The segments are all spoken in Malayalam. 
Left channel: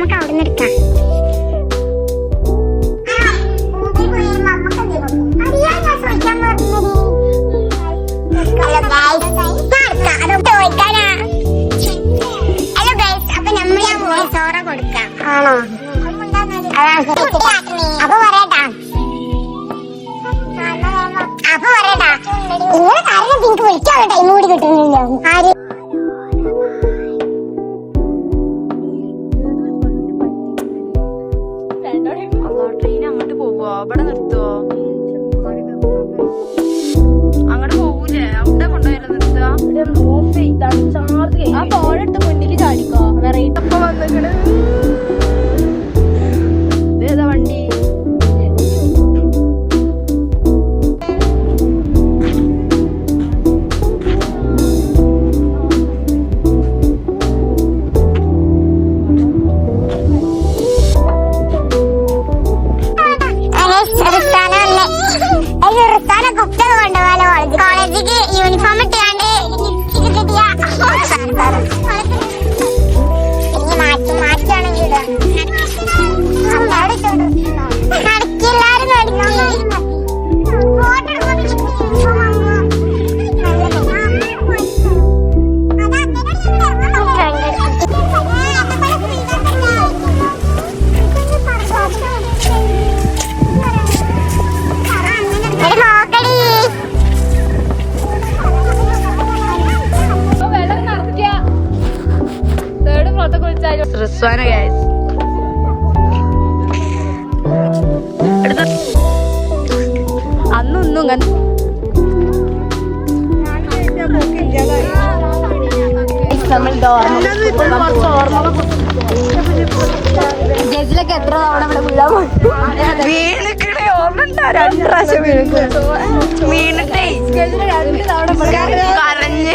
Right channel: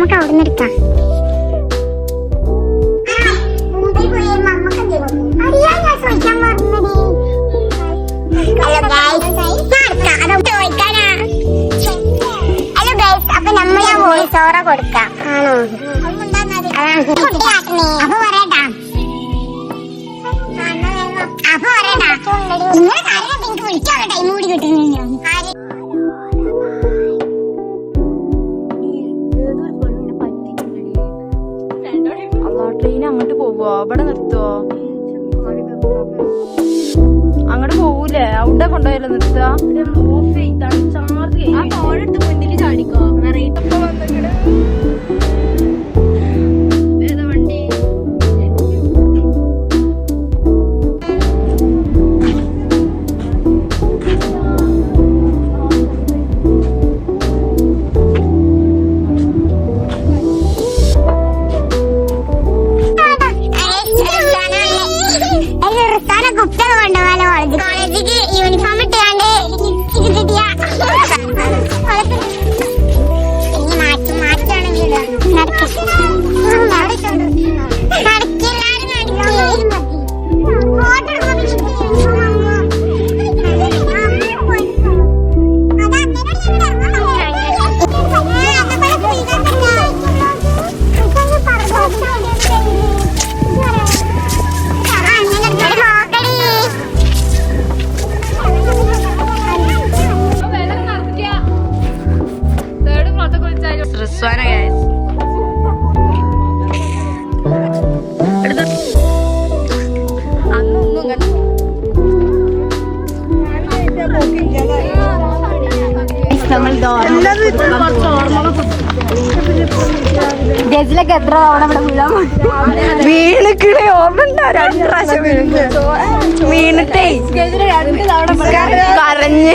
നമുക്ക് അവിടെ നിന്ന് എടുക്കാം. ഹലോ ഗൈസ്, അപ്പൊ നമ്മളെ വോയിസ് ഓവർ കൊടുക്കാം. അപ്പൊ പറയട്ടാ നിങ്ങളെ കാര്യം എനിക്ക് വിളിക്കാനുള്ള ടൈം കൂടി കിട്ടുന്നില്ല. ആര് ട്രെയിൻ അങ്ങോട്ട് പോവോ? അവിടെ നിർത്തോ? അങ്ങോട്ട് പോവൂലേ? അവിടെ കൊണ്ടുപോയല്ലോ നിർത്താ. ഏതാ വണ്ടി? യൂണിഫോം ഇട്ടാണ്ട് റിസ്വാന ഗൈസ്. അന്നൊന്നും നമ്മൾ ഡോർമൽ പുതുക്കാൻ ജസിലൊക്കെ എത്ര തവണ ഇവിടെ വീഴാൻ വീണക്കിടെ ഓർമ്മ 2 പ്രാവശ്യം വീണിട്ടേ ജസില് 2 തവണ കരഞ്ഞ്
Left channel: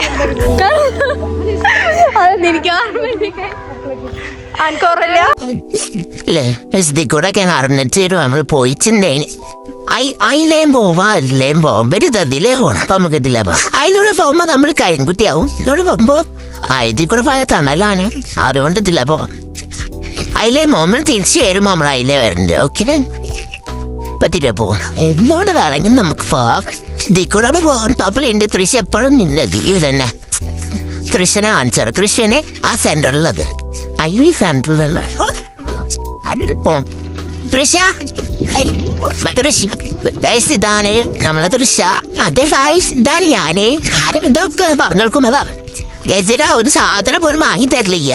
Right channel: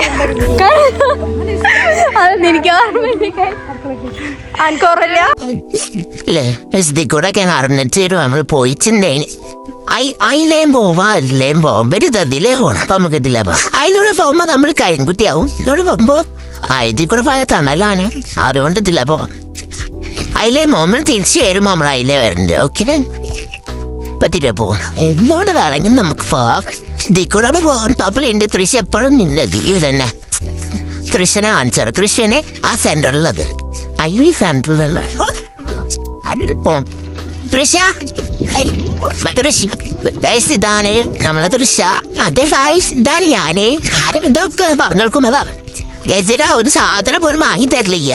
കൂടെ അറിഞ്ഞിട്ട് നമ്മൾ പോയിട്ടുണ്ടേന്. അതിലേം പോവാ അതിലേം പോവാൻ വരുതതിലേ പോണം. അപ്പൊ നമുക്ക് ഇതിലേ പോവാം. അതിലൂടെ പോകുമ്പോ നമ്മൾ കരിങ്കുട്ടിയാവും. ഇതിലൂടെ പോകുമ്പോ ഇതിൽ കൂടെ പോയ തണലാണ്. അതുകൊണ്ട് ഇതിലേ പോവാം. അതിലേ നമ്മൾ തിരിച്ചു വരുമ്പോ നമ്മൾ അതിലേ വരണ്ട്. ഓക്കെ പറ്റില്ല പോകണം. എന്നോട് വേണമെങ്കിൽ നമുക്ക് പോവാം. ഇതിൽ കൂടെ പോകാൻ പപ്പളുണ്ട്. തൃശ്ശ എപ്പോഴും നിന്നത് ഇത് തന്നെ. കൃഷ്ണനെ കാണിച്ചാറ്. കൃഷ്ണനെ ആ സെന്ററിലുള്ളത്. അയ്യോ ഈ സെന്ററിലുള്ള ഇതാണ് നമ്മളെ തൃശ്ശ. അതെ ഇതാണ് ഞാന്. ആരും ഇതൊക്കെ പറഞ്ഞോൾക്കും അതാ ഗജര ഒരു സാധനം പോലും വാങ്ങി തരില്ല.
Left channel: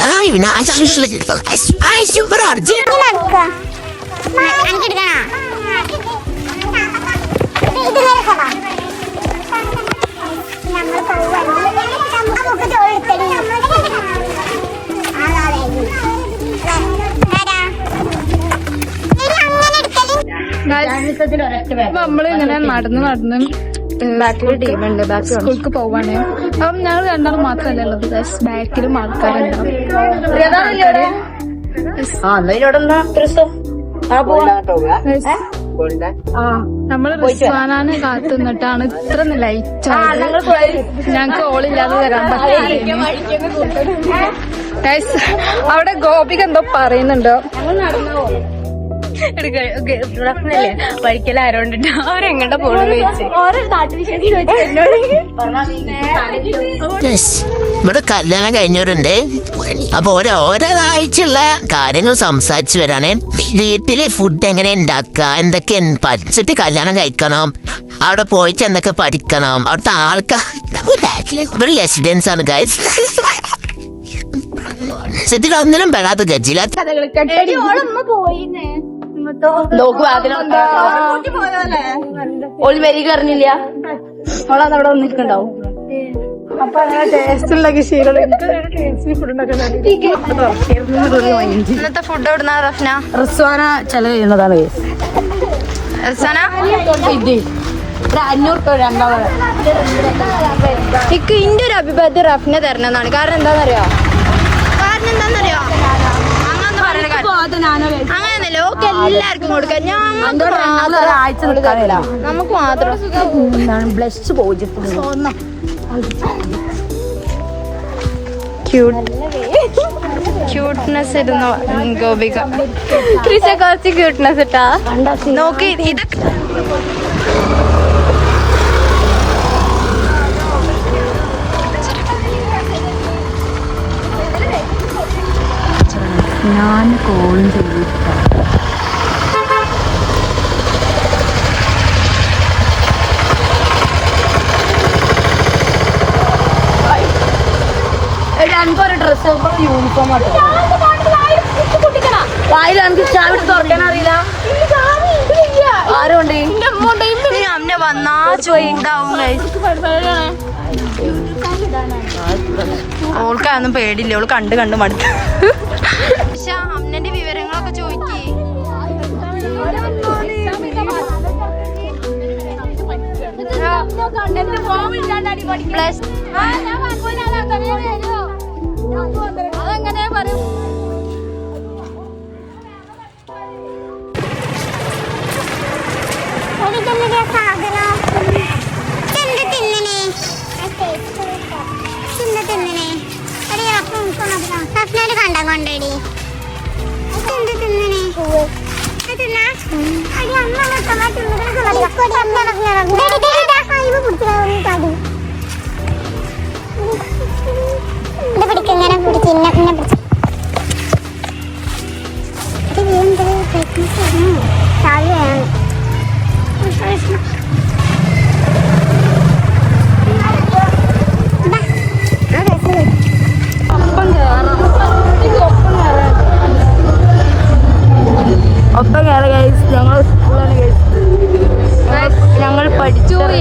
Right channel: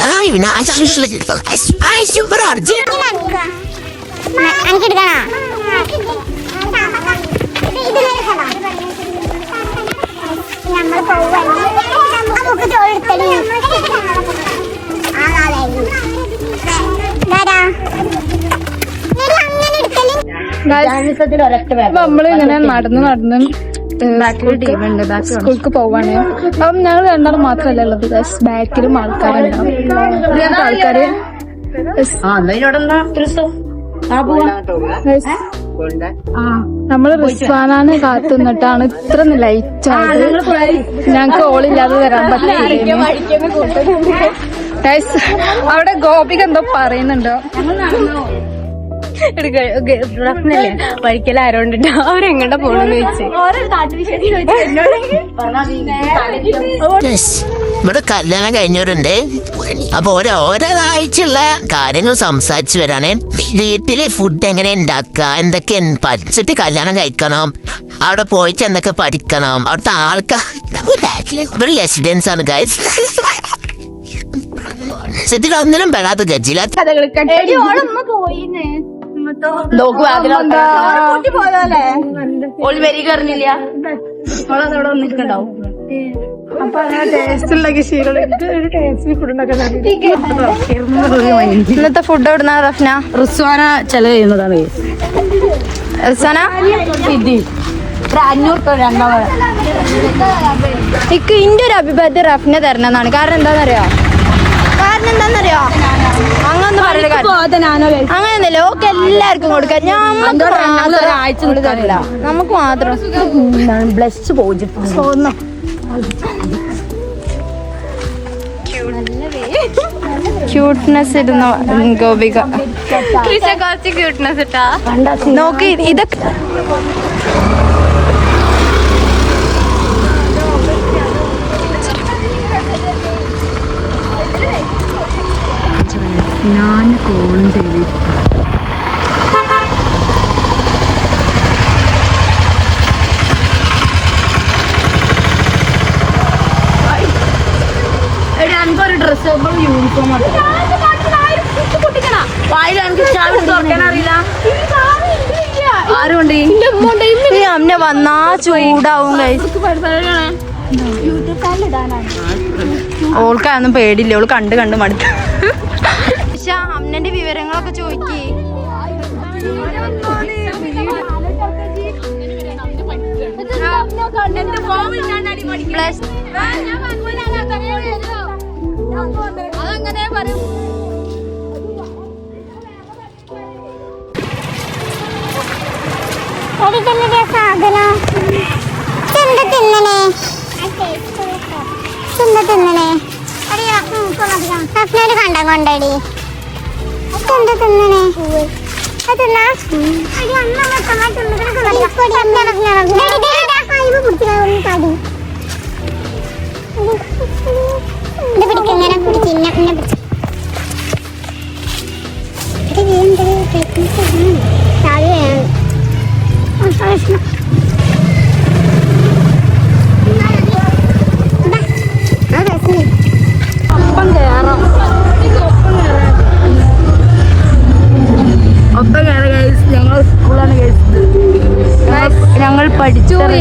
നമ്മള് പോവാ നമ്മളിങ്ങനെ നടന്ന് സ്കൂൾക്ക് പോവാണ്. അപ്പം ഞങ്ങൾ രണ്ടാളും മാത്രല്ല ഉള്ളത്. ബാക്കിലും ആൾക്കാരുണ്ടാവും. ആൾക്കാര് നമ്മള് റിസ്വാനാണ് കാത്തുനിന്നിട്ടാണ് ഇത്ര ലൈറ്റ് ആയത്. ഞങ്ങക്ക് ഓളില്ലാതെ വരാൻ പറ്റില്ല. അവിടെ ഗോപിക എന്തോ പറയുന്നുണ്ടോ? വഴിക്കൽ ആരോണ്ടിട്ട് അവരെങ്ങോട്ടാ പോണെന്ന് ചോദിച്ചു. ഇവിടെ കല്യാണം കഴിഞ്ഞവരുണ്ട്. അപ്പൊ ഓരോരാഴ്ചയുള്ള കാര്യങ്ങൾ സംസാരിച്ചു വരാനേ. വീട്ടില് ഫുഡ് എങ്ങനെ ഉണ്ടാക്കുക, എന്തൊക്കെ പഠിച്ചിട്ട് കല്യാണം കഴിക്കണം, അവിടെ പോയിട്ട് എന്തൊക്കെ പഠിക്കണം, അവിടുത്തെ ആൾക്കാർ ഇവിടെ റെസിഡൻസ് ആണ് ഗൈസ്. ഒന്നിനും പെടാത്ത ഗജില ഇന്നത്തെ ഫുഡ് എവിടുന്നാ റഫ്ന? റിസ്വാന ചെലവ് ചെയ്യുന്നതാണ്. റിസ്വാന ഇന്റെ ഒരു അഭിപ്രായത്തിൽ റഫ്ന തരുന്നതാണ്. കാരണം എന്താന്നറിയോ, അങ്ങനൊന്നും പറയല. അങ്ങനെയല്ലോ എല്ലാവർക്കും കൊടുക്കാം. ഞങ്ങൾ ഒരാഴ്ച നിൽക്കാൻ വരും. നമുക്ക് മാത്രം ബ്ലഷ് പോയി. ക്യൂട്ട്നെസ് ഇരുന്ന ഗോപിക കുറച്ച് ക്യൂട്ട്നെസ് ഇട്ടാ നോക്ക് ഇതൊക്കെ ഞാൻ കോൾ ചെയ്തു അമ്മ വന്നാ ചൂടാവും ഓൾക്കാണെന്നും പേടില്ല, ഓള് കണ്ട് കണ്ട് മടുത്തു. പക്ഷെ അമ്മന്റെ വിവരങ്ങളൊക്കെ ചോദിക്കേ. പ്ലസ് കണ്ടാ കൊണ്ടടി എന്താ തിന്നണേ അതെന്നാ ഒപ്പം കയറി ഗൈസ്. ഞങ്ങൾ സ്കൂളാണ് ഞങ്ങൾ പഠിച്ചത്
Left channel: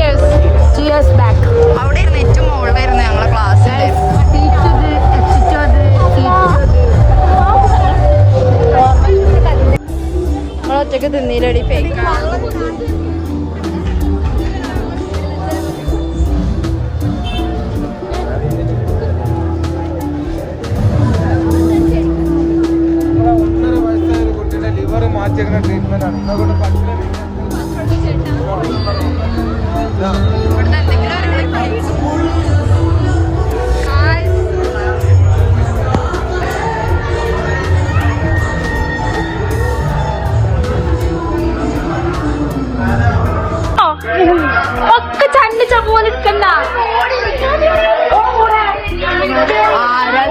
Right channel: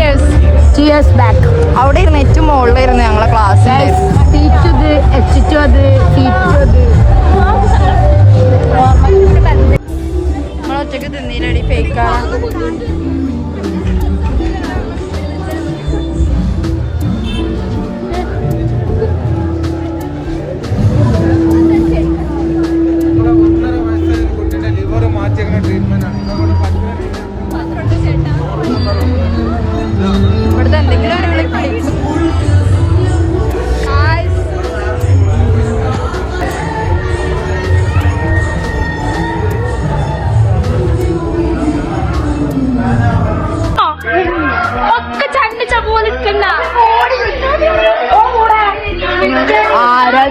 അവിടെ ഇരുന്ന് ഏറ്റവും മുകളിലായിരുന്നു ഞങ്ങളെ ക്ലാസ്. നമ്മളൊറ്റക്ക് തിന്നീലടി ഫേക്കാണ്. ഇവിടുത്തെ എന്തെങ്കിലും ഒരു ക്ലിപ്പ് ആരാ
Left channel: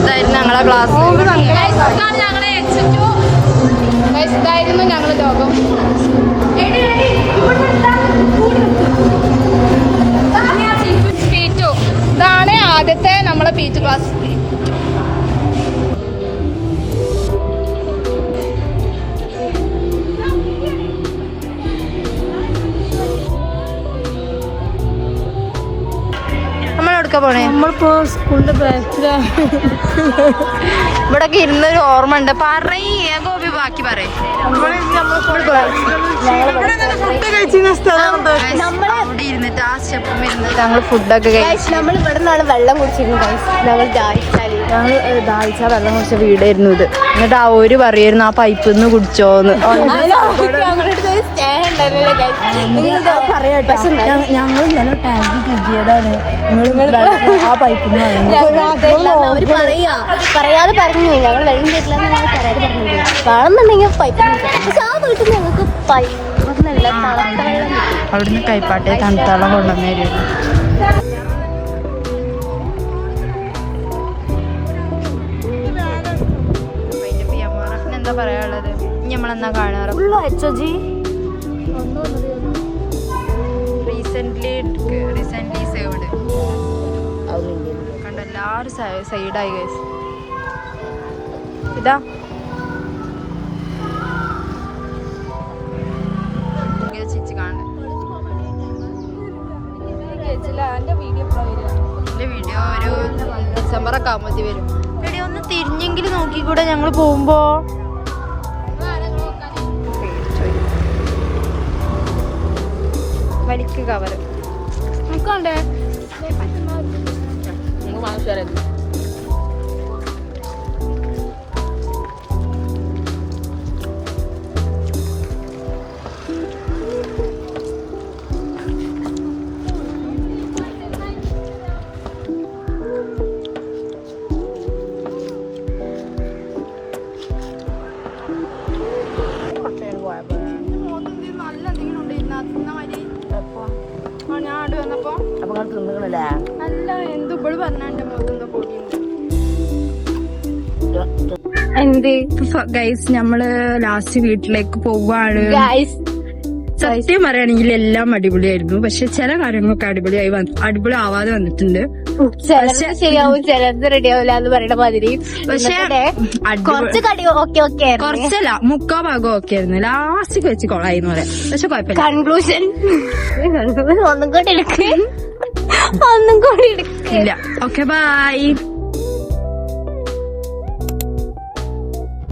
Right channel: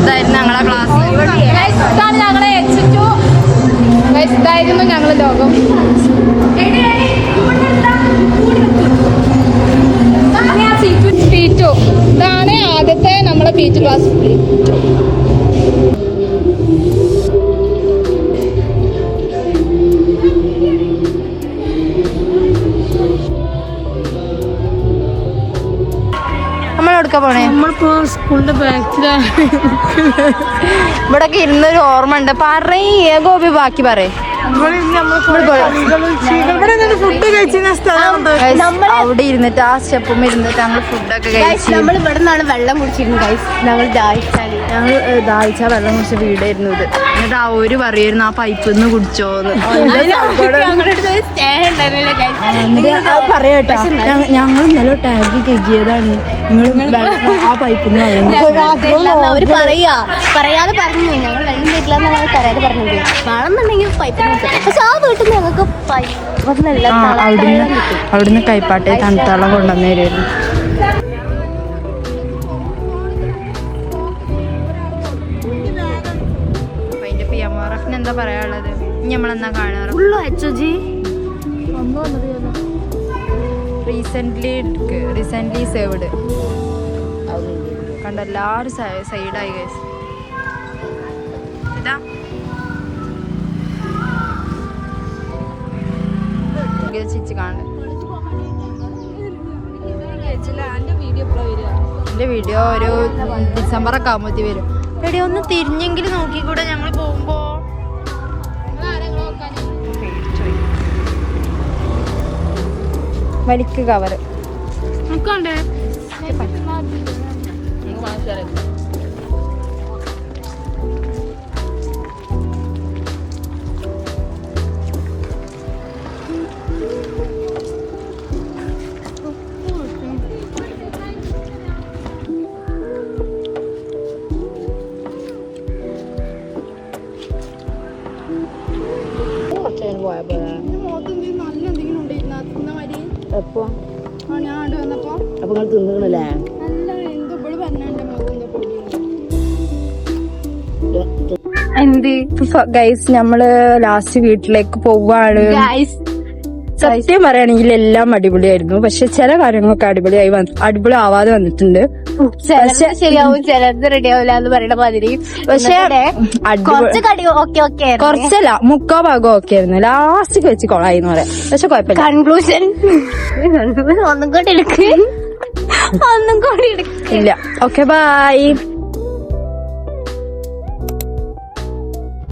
ഇതായിരുന്നു ഞങ്ങളെ ക്ലാസ്. ഇതാണ് ആദ്യത്തെ നമ്മളെ പീച്ച് ക്ലാസ്. പോണേ നമ്മളിപ്പോ സ്കൂളിന്റെ ബാക്കിലാണ്. ഇവിടൊക്കെ ഇരുന്നൊരു ഓർമ്മ ഉണ്ട്. പറയേ ഗോപി, ബാക്കി പറയേ. അവിടെ ഇരുന്നിട്ട് ആ സ്റ്റെപ്പും ഇരുന്നിട്ട് ഞങ്ങള് ഫുഡൊക്കെ കഴിച്ചു. ഇവിടെ നിന്നാണ് വെള്ളം കുടിച്ചിരുന്നു. ഞങ്ങൾ ദാഹിച്ച വെള്ളം കുടിച്ച വീടായിരുന്നു ഇത്. എന്നിട്ട് ആ ഒരു പറയായിരുന്നു ആ പൈപ്പിൽ നിന്ന് കുടിച്ചോന്ന്. പറയാട്ടാ, ഞങ്ങൾ ഇന്നലെ ടാങ്ക് കെജിയതാണ്, നിങ്ങൾ ആ പൈപ്പിൽ നിന്ന് വെള്ളം അവര് പറയാതെ പറഞ്ഞു. ഞങ്ങൾ വെള്ളം തരില്ല എന്നാണ് പറയാതെ പറഞ്ഞത്. വേണമെന്നുണ്ടെങ്കിൽ പൈപ്പിൽ നിന്ന്. പക്ഷെ ആ വീട്ടിൽ ഞങ്ങൾക്ക് അവിടുന്ന് കൈപ്പാട്ടെ തണുത്തളം കൊണ്ടുവന്നു തരുമായിരുന്നു. എന്താ പറയാനുള്ളത്? നമ്മളെന്നാ കാണാറ് റീസെന്റ് സേവ്ഡ് കണ്ട എല്ലാവരും സൈഡായി ഗൈസ്. ഇതാ ചിച്ച് കാണുന്നത്. ഇതിന്റെ വീഡിയോ ഒരു ഡിസംബർ ഒക്കെ ആകുമ്പോഴത്തേക്ക് വരും. എടി ഒന്ന് തിരിഞ്ഞെങ്കിലും നോക്കിക്കൂടെ ഞങ്ങൾ പോകുമ്പോ? വലിക്ക് കവറ് നോക്കണ്ടേ? എന്ത് ഗൈസ് നമ്മള് ലാസ്റ്റ് വീട്ടിലേക്ക് പോവാണ്. സത്യം പറയുകയാണെങ്കിൽ എല്ലാം അടിപൊളിയായിരുന്നു. പക്ഷെ ചില കാര്യങ്ങളൊക്കെ അടിപൊളി ആവാതെ വന്നിട്ടുണ്ട്. ശരിയാവും, ചിലത് റെഡി ആവില്ല എന്ന് പറയുന്ന മാതിരി. പക്ഷെ കുറച്ചല്ല, 3/4 ഭാഗം ഒക്കെ ആയിരുന്നു. ലാസ്റ്റ് വെച്ച് കൊളായി എന്ന് പറയാം. പക്ഷെ കുഴപ്പമില്ല. കൺക്ലൂഷൻ ഒന്നും കൂടി ഇല്ല. Okay bye.